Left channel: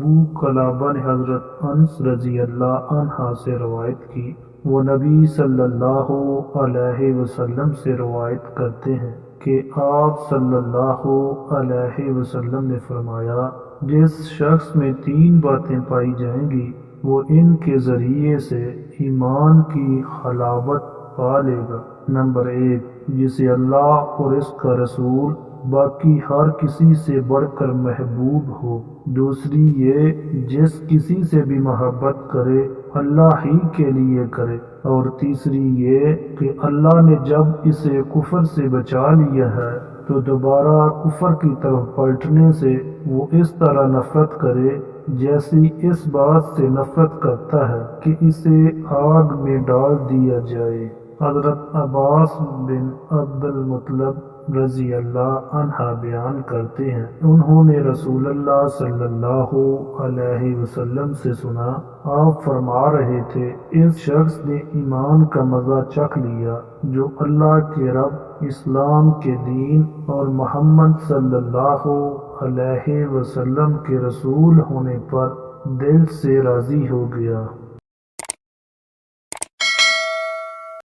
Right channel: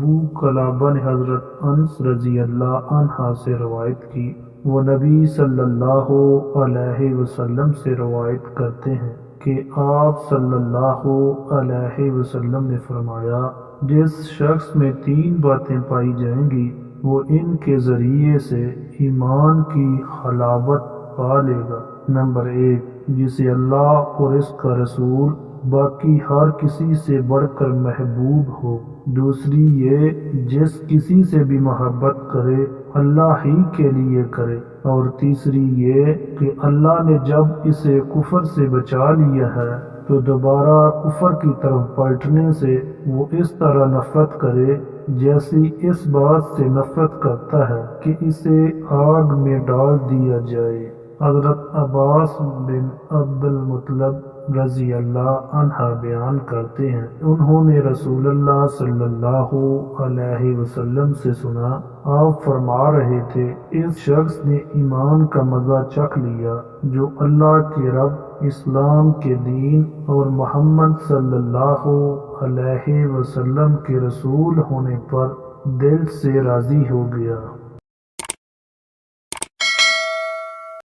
ابو قلابہ نے حضرت انس رضی اللہ عنہ سے روایت کی، وہ نبی صلی اللہ علیہ وسلم سے روایت کرتے ہیں کہ آپ صلی اللہ علیہ وسلم نے فرمایا، جس شخص میں 3 باتیں پائی جائیں گی وہ ان کے ذریعے سے ایمان کی حلاوت پا لے گا۔ نمبر 1، جسے اللہ اور اس کا رسول باقی ہر کسی سے بڑھ کر محبوب ہو۔ دوسری یہ، جس کسی سے بھی محبت کرے اللہ ہی کے لیے کرے۔ اور تیسری یہ کہ اللہ نے جب اسے کفر سے بچا لیا ہے تو دوبارہ کفر کی طرف پلٹنے سے وہ اس طرح نفرت کرے جیسی اس بات سے نفرت کرتا ہے کہ اسے آگ میں ڈال دیا جائے۔ حضرت عباس بن عبد المطلب رضی اللہ عنہ بیان کرتے ہیں، انہوں نے رسول اللہ صلی اللہ علیہ وسلم سے سنا، آپ فرما رہے تھے، اس شخص نے ایمان کا مزہ چکھ لیا جو اللہ کے رب، اسلام کے دین اور محمد صلی اللہ علیہ وسلم کے رسول ہونے پر دل سے راضی ہو گیا۔